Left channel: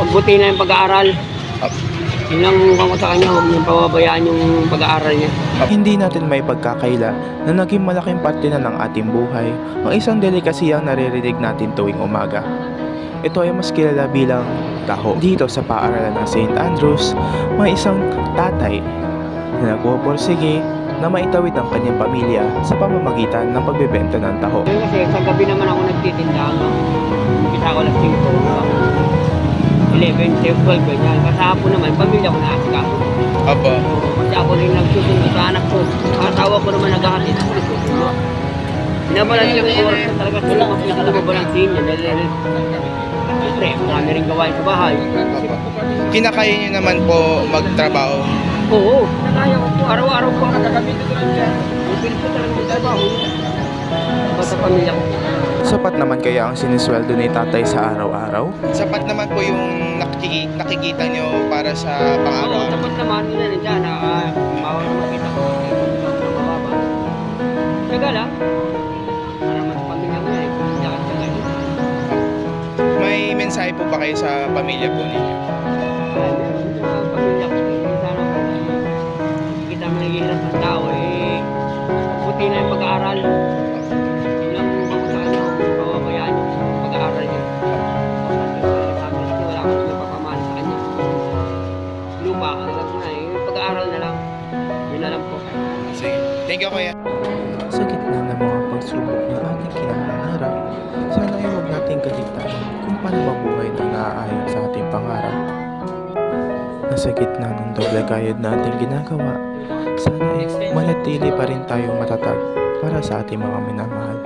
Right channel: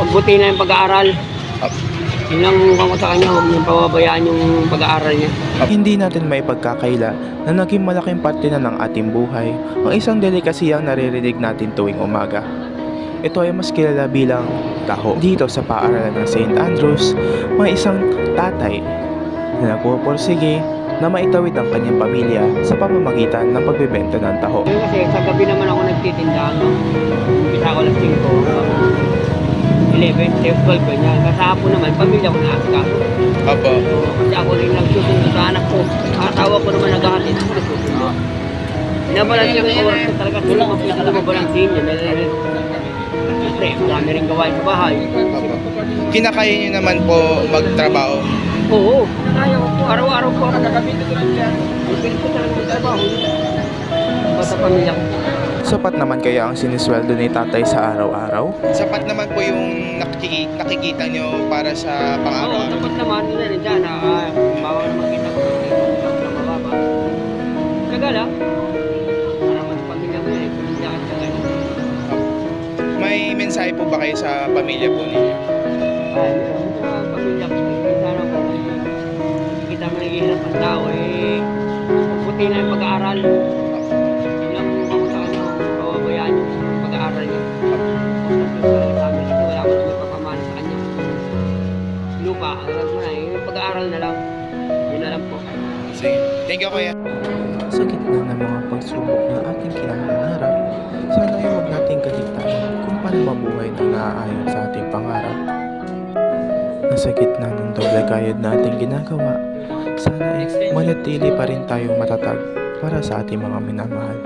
pagbuti na yung pag-aaral. Yun lang kung sa kanya, huwag niyong pababayaan yung pag-aaral niya. Hindi natin may pagkakaila na naging malaking parte na ng ating buhay ang isang delikasiyang naririnig natin tuwing umaga. Ito ay mas kilala bilang taho. Dito sa paaralan ng St. Andrews, may isang tatay na nagpupursige na maitawid ang kanyang pamilya sa pamamagitan ng pagbebenta ng taho. Yun kasi sa gabi naman ako nagtitinda hanggang umpisa ko alas 5 11, 12, ganyan. Kasapon naman, pamilya ko na asikaso. Apo. Kasi ako rin nagsusundo sa anak ko. Asawa ko naman naghahatid ako nagsusundo. Binabalance yung oras ko talaga. Wala kang pinakabalansin niya. Siyempre, marami rin gawain sa bahay. Apo. Kinakaya niyo naman po magtrabaho? Oo, kaya ko po. Araw-araw po ako nagkamito ko lang dyan. Ang pilit ko talaga magtrabaho. Basta pamilya ko. Sapat naman kaya ang sinisweldo ni tatay sa araw-araw? Sapat naman po yung nakikita nyo para sa Oo, pang-araw-araw? tapos naman, yun na nandiyan na bawal na makita ko na mababa. Tsaga lang. Para mas pamilya mo yan, pamilya ka tsaga. May mensahe po ba kayo sa pamilya po ninyo? Ay, meron sa pamilya ko. Sana po, kita mo naghihirap ng tao, buti na yung pag-aaral. Yun lang kung sa kanya, huwag mong pababayaan yung pag-aaral niya. Sa amin kasi wala akong may papamana sa kanya. Lupa, alam mo na, yung pag-aaral na lang. Yun na lang po. Sige. Thank you, kuya. Sa gitna ng mga pagsubok na ating kinakaharap, sana ay huwag nating kaligtaan kung paano mabuhay na naaayon sa ating pangarap. Nasa gitna ng doble kayod na ating ginagawa, sana ay manatili pa rin tayong matatag para sa ating mga minamahal.